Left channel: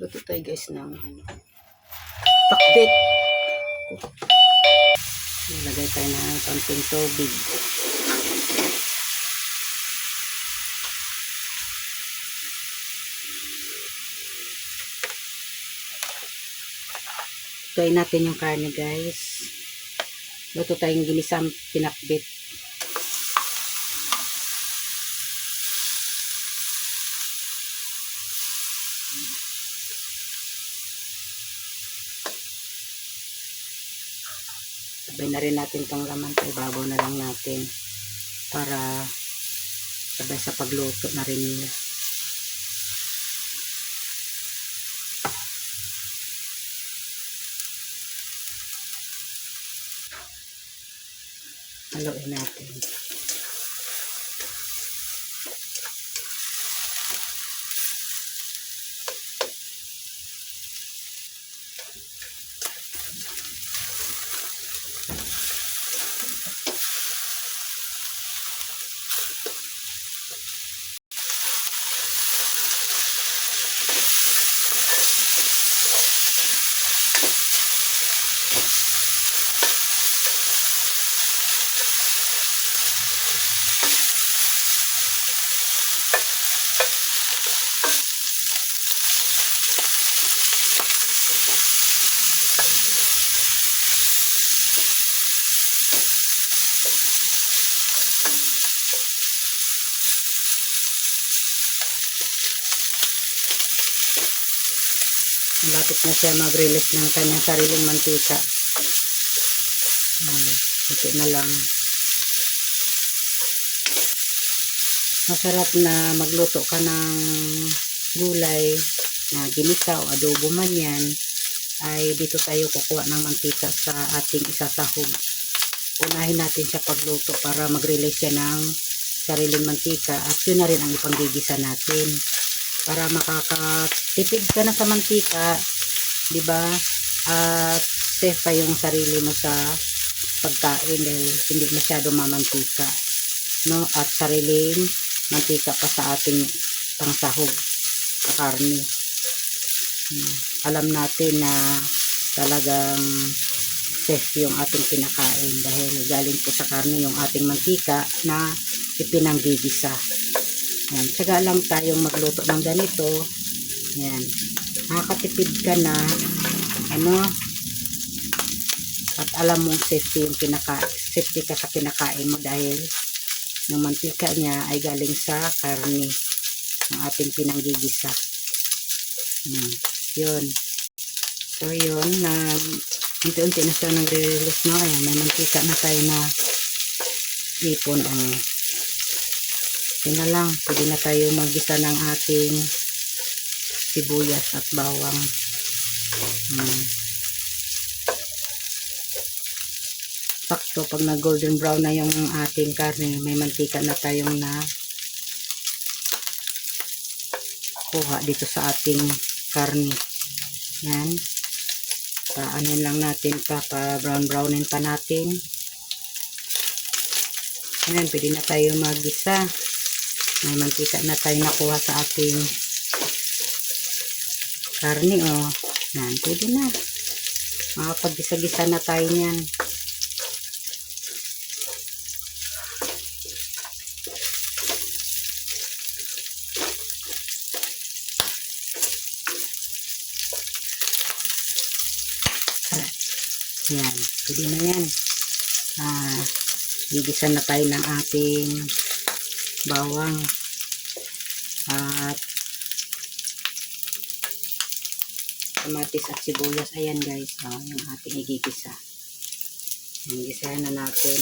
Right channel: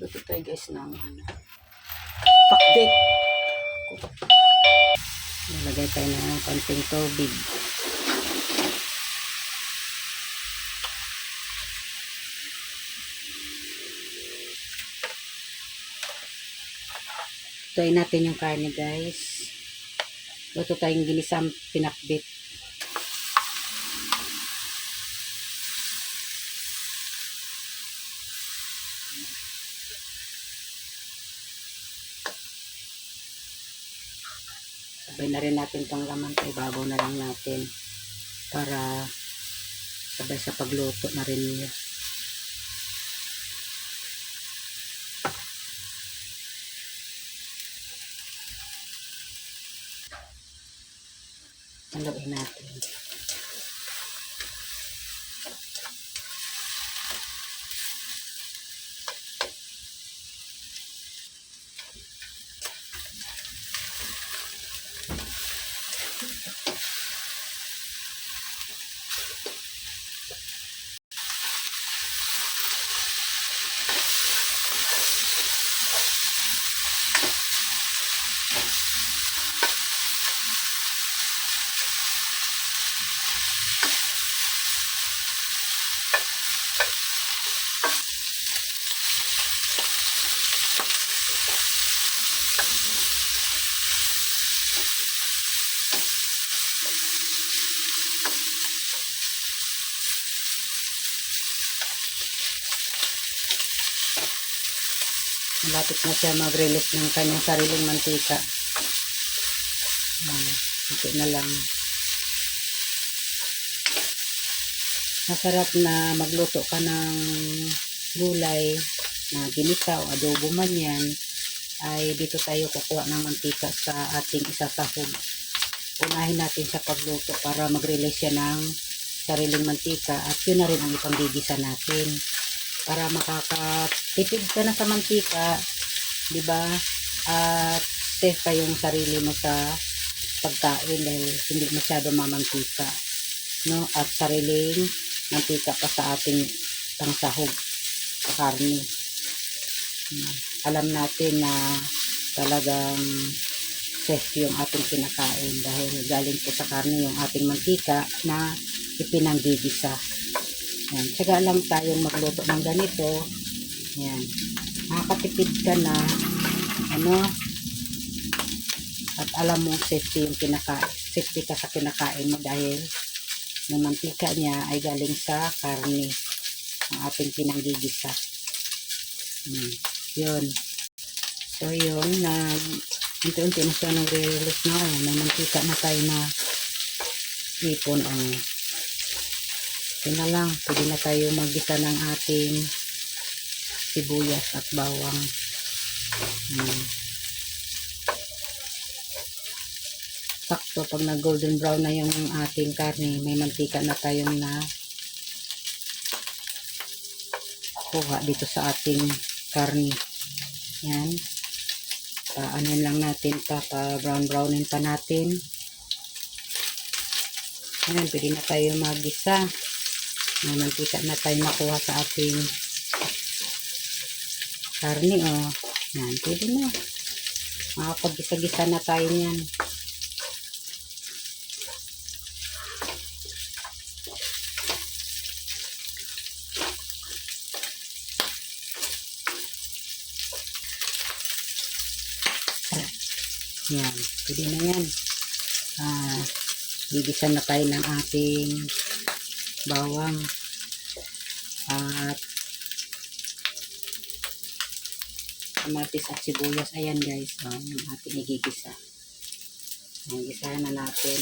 Luto tayo guys ng pakbet. Nilagay tayo ng konting tubig. Lutuin natin yung karne guys. Luto tayong ginisang pinakbet. Sabay na rin natin itong laman. Ibabaw na lang natin para sabay sa pagluto na rin nila. Haluin natin. Malapit na siya mag-release ng kanyang sariling mantika. Ito na lang. Masarap na magluto ka ng gulay na ginisa o adobo man yan, ay dito tayo kukuha ng mantika sa ating isasahog. Unahin natin siya pagluto para mag-release siya ng sariling mantika at yun na rin ang ipanggigisa natin. Para makakatipid ka na sa mantika, di ba? At safe pa yung sarili mo sa pagkain dahil hindi masyado mamantika, no? At sariling mantika pa sa ating pangsahog sa karne. Alam natin na talagang safe yung ating kinakain dahil galing po sa karne yung ating mantika na ipinanggigisa. Yan, tsaga lang tayong magluto ng ganito. Yan, makakatipid ka na at alam mong safety yung safety ka sa kinakain mo dahil yung mantika niya ay galing sa karne ng ating pinanggigisa. Yun. So yun, na unti-unti na siya nagre-release na. May mantika na tayo na ipon. Yun na lang, pwede na tayo maggisa ng ating sibuyas at bawang. Sakto, pag na golden brown na yung ating karne, may mantika na tayong na kuha dito sa ating karne. Yan. Paanin lang natin pa brown-brownin pa natin. Yan, pwede na tayo maggisa. May mantika na tayo nakuha sa ating karne, Yan, pwede na. Makapag-gisa-gisa na tayo niyan. Yan, pwede na yan. Gigisa na tayo ng ating bawang at kamatis at sibuyas. Ayan guys, yung ating igigisa. Ayan, gisahan na natin.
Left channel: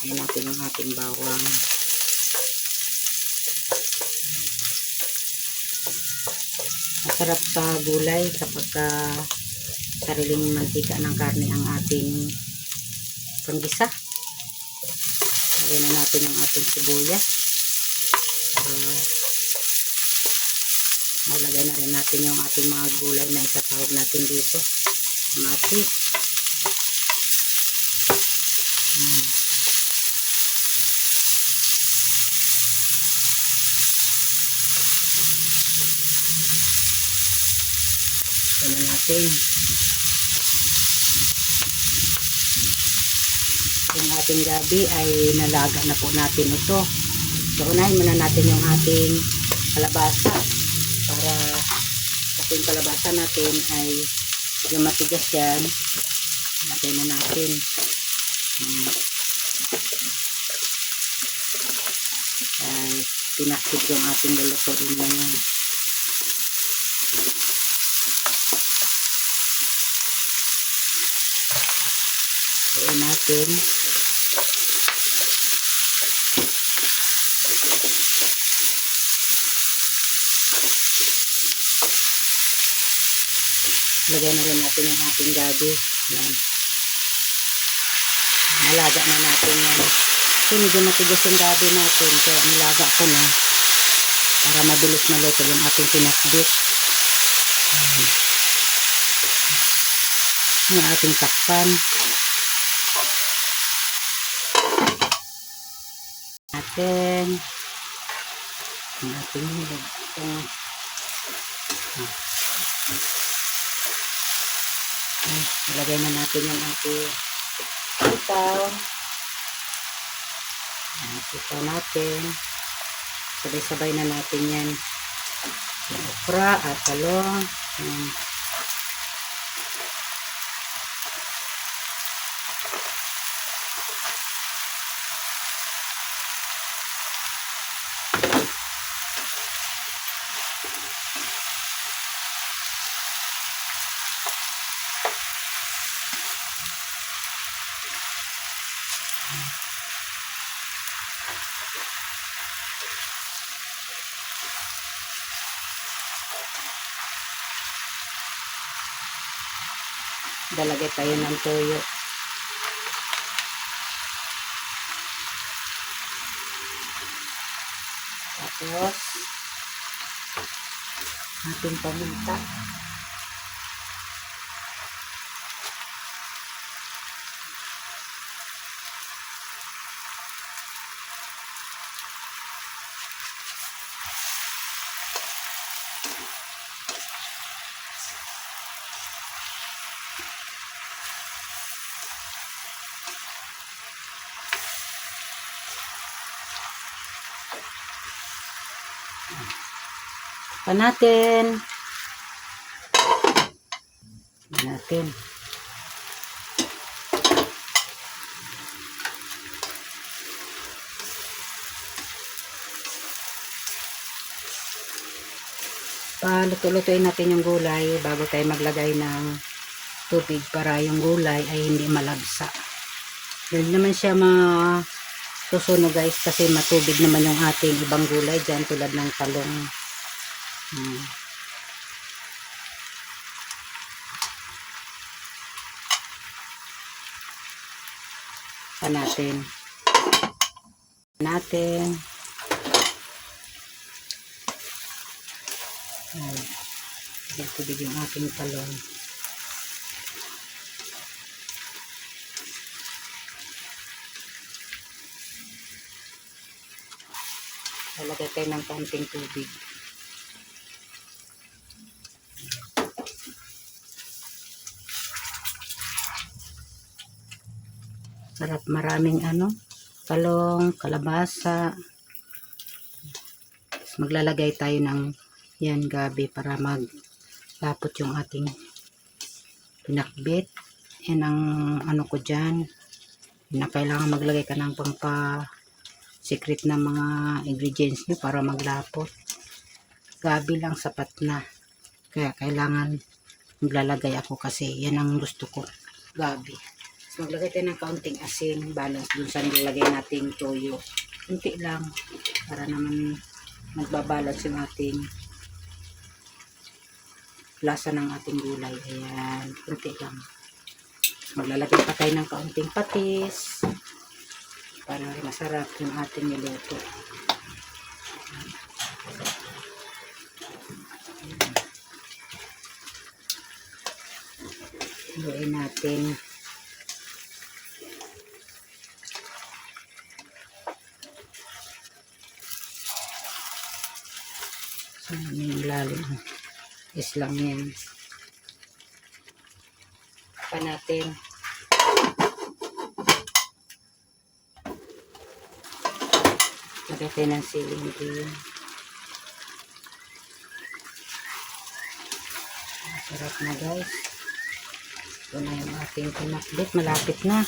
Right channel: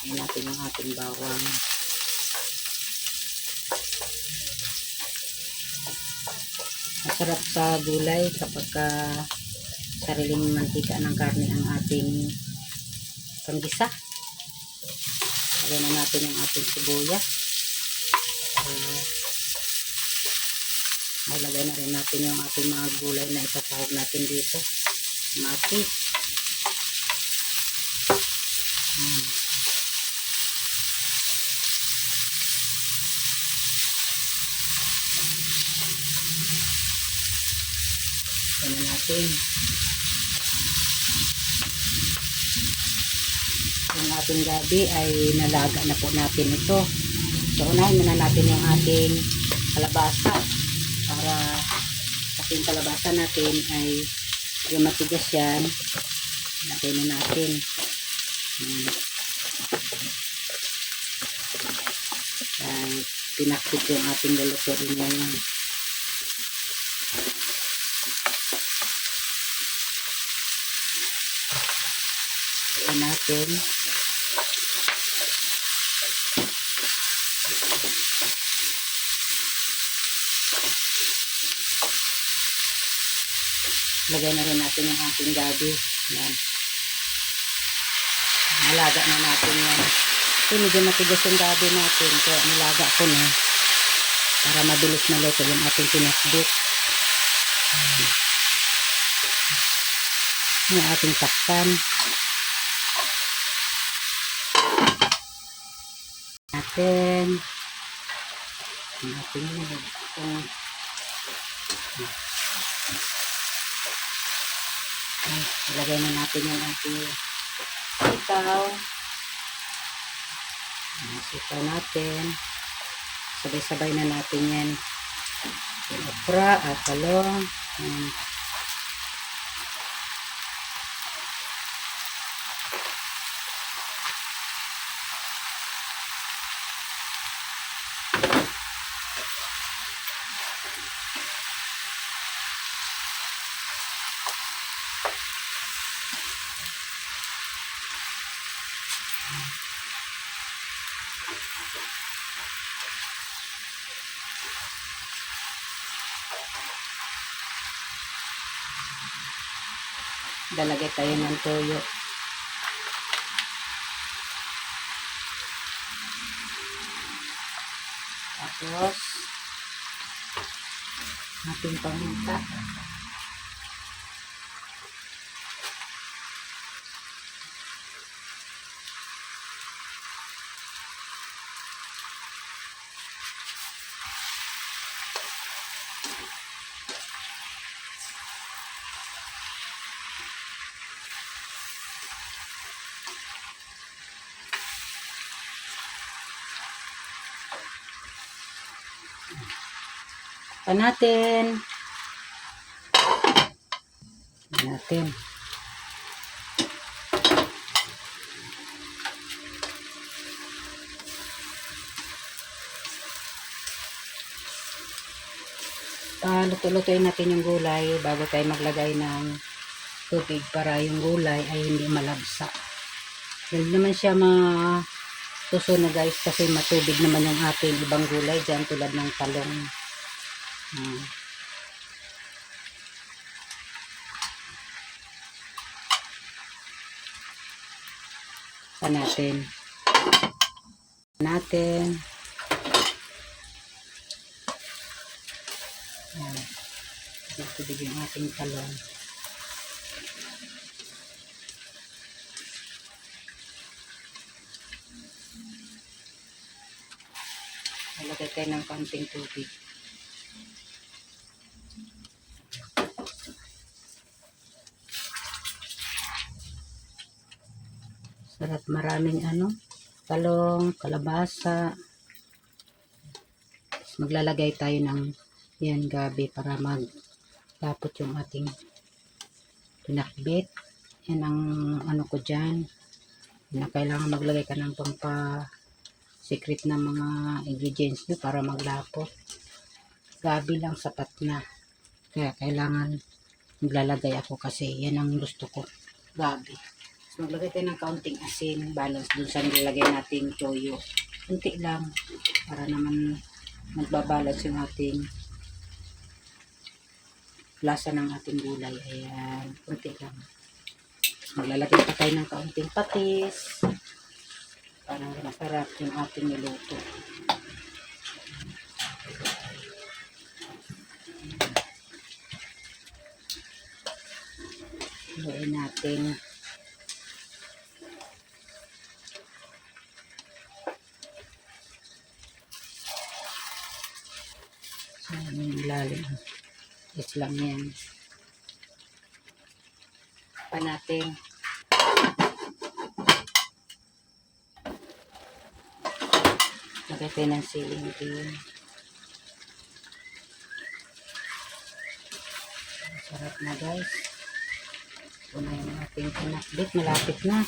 Ayan natin yung ating bawang. Masarap sa gulay kapag sariling mantika ng karne ang ating panggisa. Lagyan na natin yung ating sibuyas. Malagay na rin natin yung ating mga gulay na isasahog natin dito. Kamatis. Ito na natin. Yung ating gabi ay nalaga na po natin ito. So, unahin muna natin yung ating kalabasa para kasi yung kalabasa natin ay yung matigas yan. Lagay na natin. Ay, pinakit yung ating lulutuin ngayon. Ayan natin. Lagay na rin natin yung ating gabi. Ayan. Nalaga na natin yan. So, medyo matigas yung gabi natin. Kaya nilaga ko na para mabilis maluto yung ating pinakbit. Yung ating takpan. Natin. Yung ating ilagay na natin yung ating sitaw. Sitaw natin. Sabay-sabay na natin yan. Yung okra at talong. Dalagay tayo ng toyo. Tapos ating paminta. Pa natin. Luto-lutuin natin yung gulay bago tayo maglagay ng tubig para yung gulay ay hindi malagsa. Dahil naman siya masusunog guys kasi matubig naman yung ating ibang gulay dyan tulad ng talong. Pa natin. Tubig yung ating talong. Lagay tayo ng konting tubig. Sarap, maraming talong, kalabasa. Tapos maglalagay tayo ng yan gabi para maglapot yung ating pinakbit. Yan ang ko dyan. Na kailangan maglagay ka ng secret na mga ingredients nyo para maglapot. Gabi lang sapat na. Kaya kailangan maglalagay ako kasi yan ang gusto ko. Gabi. So, maglagay tayo ng kaunting asin. Balance dun sa nilagay natin toyo. Kunti lang para naman magbabalance yung ating lasa ng ating gulay. Ayan. Kunti lang. Maglalagay pa tayo ng kaunting patis para masarap yung ating niluto. Haluin natin. So, yung lalim is lang yan. Takpan natin. Lagay tayo ng siling. Sarap na guys. Ito na yung ating pinakbit. Malapit na.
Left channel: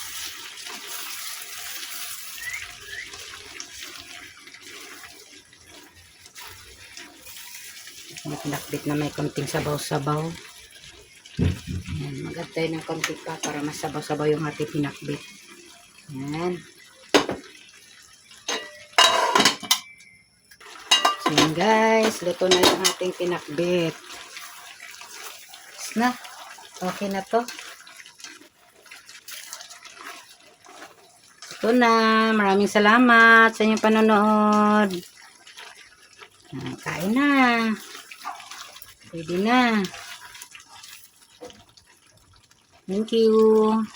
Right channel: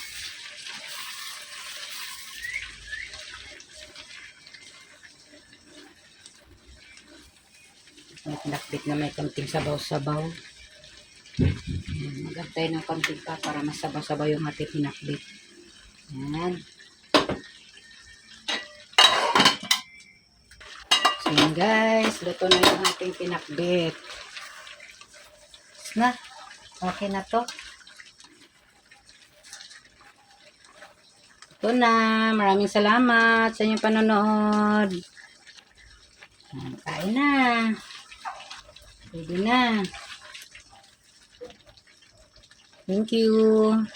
Ang pinakbit na may konting sabaw-sabaw. Magantay ng konti pa para masabaw-sabaw yung ating pinakbit. Yan. So yan guys, luto na yung ating pinakbit. Na, okay na to. Ito na, maraming salamat sa inyong panonood. Kain na. Pwede na. Thank you.